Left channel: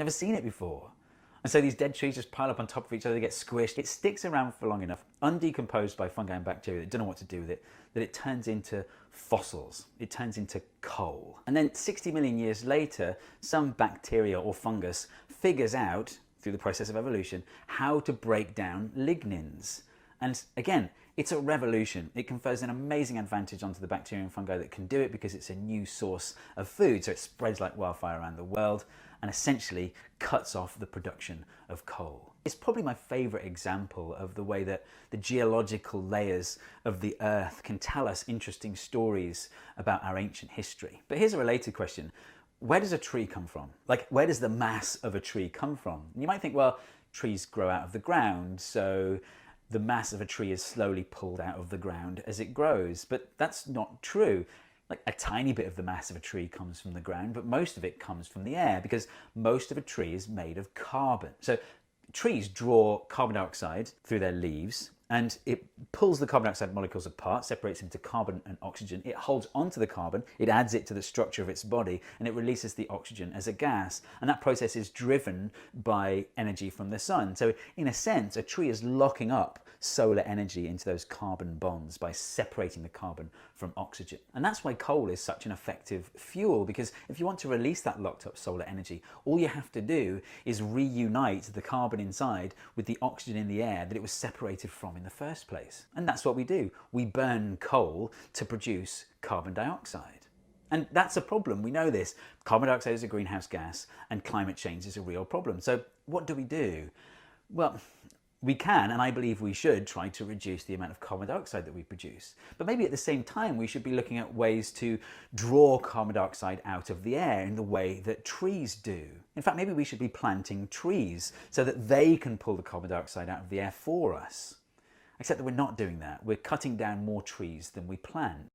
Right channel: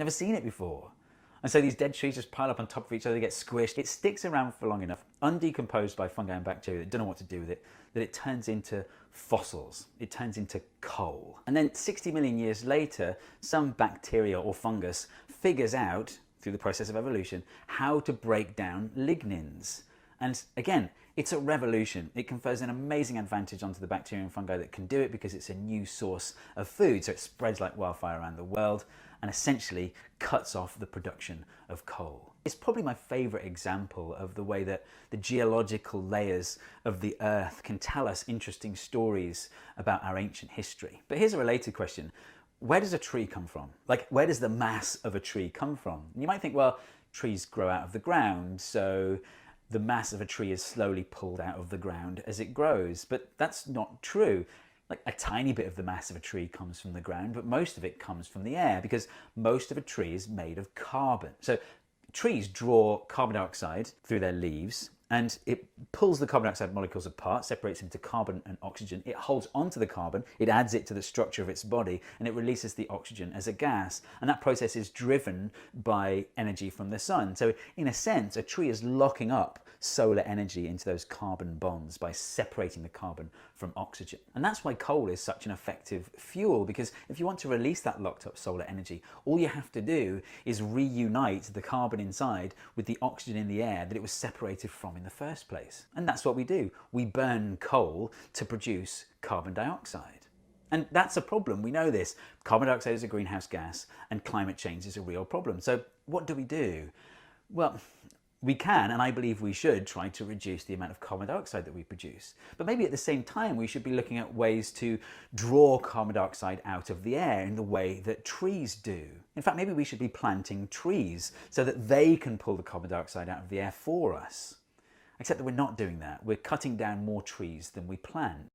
Never seen it before. And so these dead trees just pile up on top of each other, they get squished. It sticks around for long enough, undecomposed by fungi and bacteria that don't know what to do with it, that it turns into fossils. It turns into coal. And then 60 million years later, some bacteria or fungus figures out, through the process of evolution, how to break down lignins. And again, it's a revolution. It confers an amazing advantage onto the bacteria and fungi that can do it because it's a new source of food. So it spreads like wildfire around the world and essentially cuts off the production of coal. It's probably my favorite example of the way that the geological layers of the earth can tell us interesting stories about our ancient history. But here's a related question. Where does a tree come from? Like, where does the mass of a tree come from? And you might think, well, trees grow out of the ground, so the mass of a tree is slowly pulled out of the ground as it grows. But that's not true. Like, a tiny bit of the mass of a tree comes from the ground, but most of it comes from the air because most of a tree is made of carbon. So trees draw carbon dioxide through their leaves, and it pulls the carbon dioxide molecules apart, separates into carbon and oxygen. It holds onto the carbon, it adds it to the structure of its body, and it releases the oxygen as a gas. And that process is driven by energy from the sun. So in a sense, a tree is locking up solar energy into those carbon bonds by separating the carbon from oxygen. And that's why coal is such an effective fuel, because if you want to release that locked up solar energy, all you have to do is reunite the carbon inside with the oxygen in the air that it was separated from in the first place. And that's what we do. We burn coal to produce carbon dioxide. And that's a problem. We know this. Carbon dioxide is a greenhouse gas and climate change is a real problem. So what do we do? Well, we can, and I believe we should, try to reduce the amount of carbon dioxide that we produce. But maybe at the same time, we should be looking at ways to draw carbon dioxide out of the air in the way that trees do. In fact, maybe we should be planting trees so that they can pull the carbon dioxide out of the air for us. Except that we're not doing that. We're cutting down more trees than we plant.